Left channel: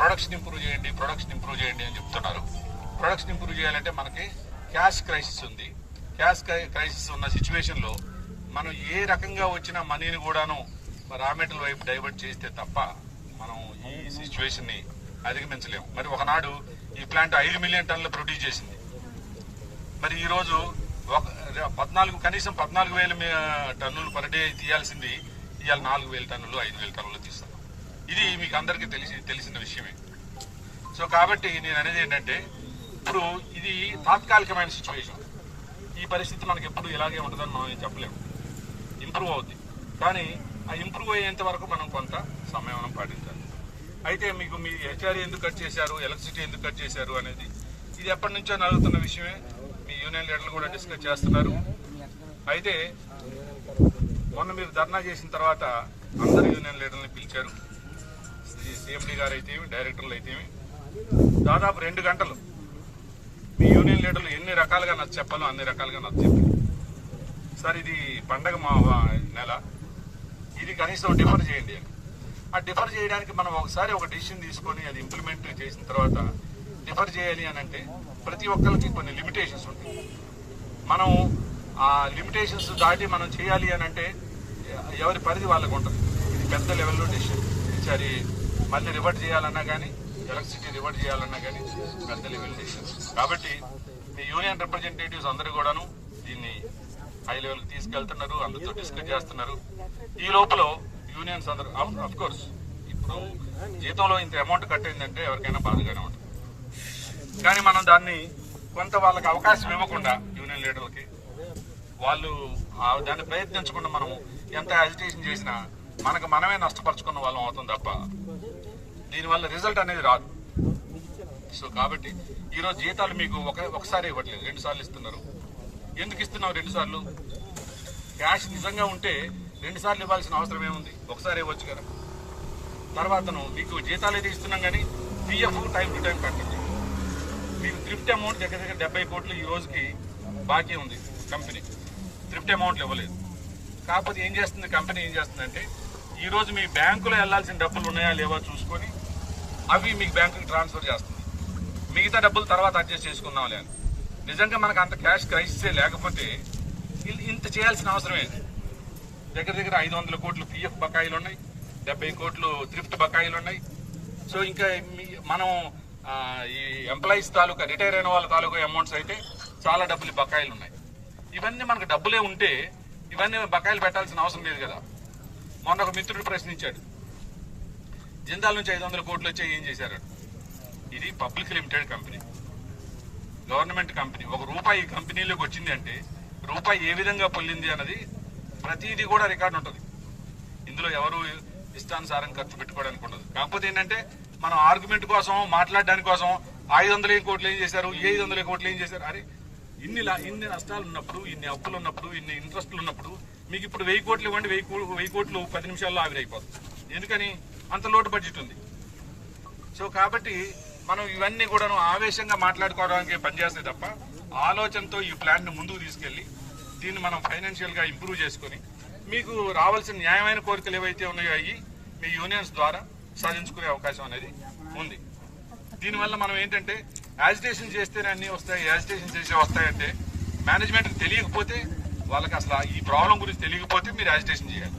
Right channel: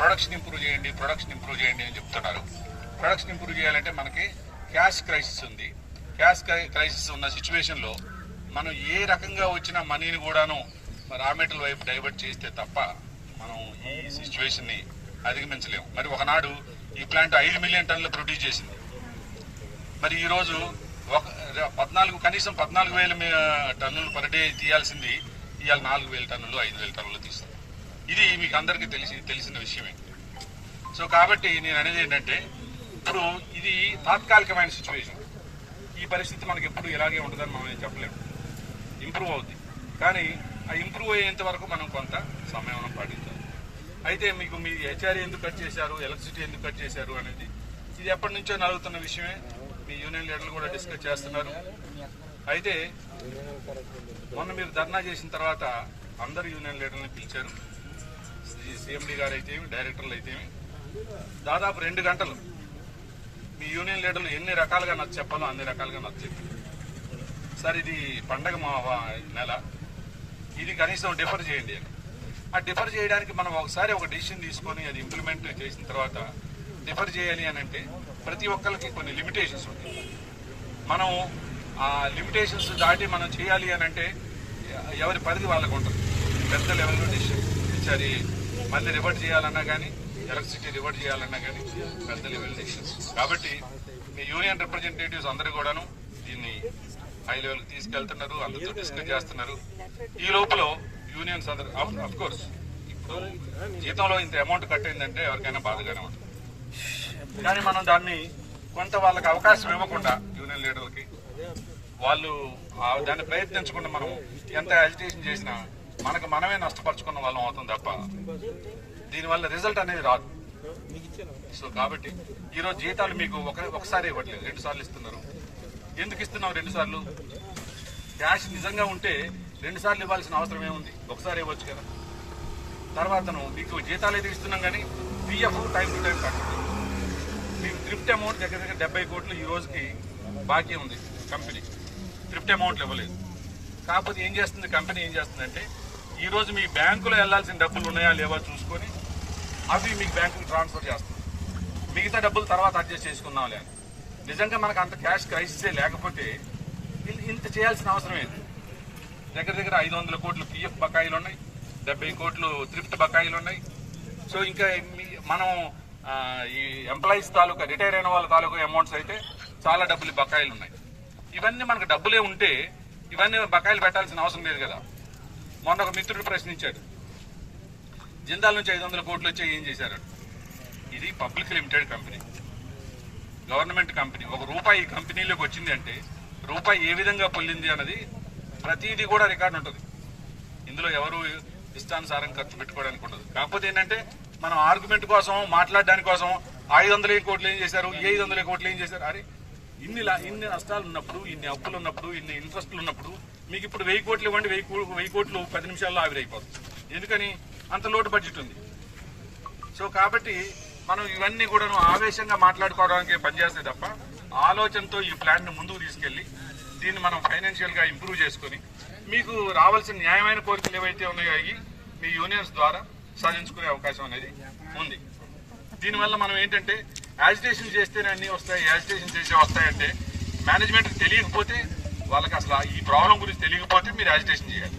Production improve చేయండి అని చెప్తున్నారు. ప్రొడక్షన్ ఇంప్రూవ్ చేయాలంటే మనకి క్యాష్ క్రైసిస్ ఉంది. క్యాష్ క్రైసిస్ ఉన్న సిచ్యువేషన్లో మనం ఏ రకంగా వచ్చిన మనీని కూడాను రా మెటీరియల్ వైపు డైవర్ట్ చేస్తే తప్ప మనం ఈ సిచ్యువేషన్ని అధిగమించలేము. మరి ఒకనాడు ఈ ప్లాంట్ 5 మిలియన్ టన్నులు ప్రొడ్యూస్ చేసింది. మరి ఈరోజు కనీసం 14,000 టన్నులు పర్ డే తీయాల్సింది ఇవాళ 4,000 టన్నులు 5,000 టన్నులు తీస్తాం. ఇది మీకు అందరికీ తెలిసిన విషయమే. సో కాబట్టి నేను అనేది ఏంటంటే ఇప్పుడు ఇది తాత్కాలికమైన సిచ్యువేషన్. ఈ పరిస్థితి మనకి ఎప్పుడు ఇలాగే ఉంటుందని మనం చెప్పలేము. ఇంప్రూవ్ అవుద్ది, కానీ ఆ ఇంప్రూవ్ అయ్యేంత వరకు మనం కొంత సమయం పాటించాలి. అయితే మీకు మీ హెచ్ఆర్ఏ ఎందుకు కట్ చేశారు, ఎలక్ట్రిసిటీ ఎందుకు కట్ చేశారు అనేది ఇది ఎప్పటి నుంచో నలుగుతున్న విషయమే. మీ యూనియన్ లీడర్లు కూడా డిస్కస్ చేస్తున్నారు. అయితే మొన్న మీరు ధర్నా చేసిన తర్వాత అందరు యూనియన్ లీడర్ని పిలిచారు. సిఎండి గారు అయితేమి, డైరెక్టర్లు అయితేమి దాదాపు 2 గంటలు మీ యూనియన్ లీడర్లు ఎన్ని రకాలుగా నచ్చ చెప్పాలో అన్ని రకాలుగా నచ్చ చెప్పారు. సార్ ఇది పండగ మా నెల, ఇది కనీసం డిఫర్ చేయండి అని. ఆ డిఫర్ చేయడానికి మనం ఒకసారి ఒక డెసిషన్ తీసుకొని అది ఇంప్లిమెంట్ చేసిన తర్వాత డిఫర్ చేయాలి అని అంటే ప్రతి ఒక్కరికి కొన్ని లిమిటేషన్స్ ఉంటాయి. మనం ఆ లిమిటేషన్స్ దాటి మనం చేయాలి అని అంటే ఎవరి పరిధి వాళ్ళకు ఉంటుంది. పెద్ద లెవెల్లో డెసిషన్ ఈసారి మళ్ళీ రివర్ట్ చేయాలన్నా కానీ, ఎలక్ట్రిసిటీ రివర్ట్ చేయాలన్నా కానీ పెద్ద లెవెల్ డెసిషన్స్. కాబట్టి మీ యూనియన్ రిప్రజెంటేటివ్స్ అందరూ కూడాను దీన్ని హై లెవెల్కి తీసుకెళ్తున్నారు, అందరితో డిస్కస్ చేస్తున్నారు. ఈ లోపల యూనియన్స్ అందరూ అఫ్ కోర్స్ ఇప్పుడు జీతంలో ఇంత అమౌంట్ కట్ అయిందంటే ఎవరికైనా బాధగానే ఉంటుంది. కానీ మనం దాన్ని కొంత వాళ్ళకి అవకాశం ఇవ్వకుండా యూనియన్ లీడర్లకి వాళ్ళు దాన్ని ప్రయత్నించకుండా మనం ఎంత అజిటేషన్ చేసినా మనకు మనమే నష్టపరుచుకున్న వాళ్ళం అవుతుంది తప్ప దీనివల్ల రిజల్ట్ అనేది రాదు. సో కాబట్టి ఈరోజు జీతాలు మీకు ఒకసారి ఇవ్వట్లేదు, 2 సార్లు ఇస్తున్నారు. ఎందుకు ఇస్తున్నావు 2 సార్లు? క్యాష్ నిజంగా ఉంటే 2 సార్లు ఇవ్వాల్సిన అవసరం ఏముంది? ఒకసారి ఇవ్వచ్చు కదా. తర్వాతను మీకు జీతాలు అయితే ఇస్తున్నాం కానీ పిఎఫ్ టైం టు టైం కట్టండి. మీకు థ్రిఫ్ట్ అమౌంట్ దగ్గర 70 కోట్లు ఈ రోజుకి బాకీ ఉంది కంపెనీ. థ్రిఫ్ట్ అమౌంట్లు ఇవ్వలేదు. కాకపోతే ఏం చేస్తుంది కంపెనీ, ఏం చేస్తుందంటే ఈ రోజు మీ బ్యాంకులో వెళ్లాల్సిన డబ్బులు ఉన్నాయా లేవా చూసుకొని అవి మీకు బ్యాంకుకి ట్రాన్స్ఫర్ చేస్తుంది. మిగతా డబ్బులు తర్వాత అడ్జస్ట్ చేసుకుందాం లేదు. నిజంగా మనకు అంత క్యాష్ క్రైసిసే లేకపోతే ఇంత చేయాల్సిన అవసరం ఏంటి? దగ్గర 500 కోట్లు పిఎఫ్ బకాయిలు ఉన్నాయి, 70 కోట్లు థ్రిఫ్ట్ బకాయిలు ఉన్నాయి. సో ఇంకా మనం ఈ ఎంప్లాయీస్ తాలూకా రిటైర్ అయిన వాళ్ళ తాలూకా అమౌంట్స్ అయితే చాలా డబ్బులు బకాయిలు ఉన్నాయి. ఇవన్నీ మనకు డబ్బులే ఉంటే ఇవన్నీ బకాయిలు పెట్టాల్సిన అవసరం లేదు కదా. మొన్న ఒక మిత్రుడు ప్రశ్నించాడు, జిందాల్ నుంచి 500 కోట్లు వచ్చాయి ఏం చేశారు? ఇది public limited company, government company. ₹1 ఈ కంపెనీలోకి వచ్చింది అంటే రూపాయి ఏ విధంగా పొల్లింది అన్నది ప్రతిదీ కూడా రికార్డు ఉంటుంది. ఇందులో ఎవరు ఇష్టానుసారం ఖర్చు పెట్టుకోవడానికి ఉండదు. కాకపోతే ఏంటంటే మనం ఆర్గ్యుమెంట్ కోసం, మాట్లాడడానికి కోసం 500 కోట్లు ఏం చేశారు, 500 కోట్లు ఏం చేశారు. అరే ఇన్ని నష్టాలు ఉన్నప్పుడు, ఇన్ని అప్పులు ఉన్నప్పుడు, ఇన్ని ఇంట్రెస్టులు ఉన్నప్పుడు మీకు ఇప్పుడు 1000 కోట్లు ఇవ్వండి, 1000 కోట్లు 10 నిమిషాల్లో ఆవిరైపోతుంది. ఎందుకని? అంత లోటు బడ్జెట్ ఉంది. సో కాబట్టి మనం ఇవన్నీ కూడా ఆవేశంగా మాట్లాడుకోవడానికి పనిచేస్తే తప్ప ఆలోచనతో ఈ ప్లాన్ ని ముందుకు తీసుకెళ్లి దీన్ని మనం ఫైనాన్షియల్ గా ఇంప్రూవ్ చేసుకుని మీకు రావాల్సిన న్యాయమైన కోరికలు ఏవైతే ఉన్నాయో అవి మీ యూనియన్స్ ద్వారా సాధించుకునే అవకాశం అనేది ఉంది. దీనివల్ల మనం ఏంటంటే యాజిటేషన్ చేస్తేనే అన్ని వస్తాయి, యాజిటేషన్ చేసే వస్తాయంటే మేనేజ్మెంట్కి తెలియకపోతే, వాళ్ళకి అసలు ఈ ప్రాబ్లం గురించి తెలియకపోతే మీరు యాజిటేషన్ చేయాలి.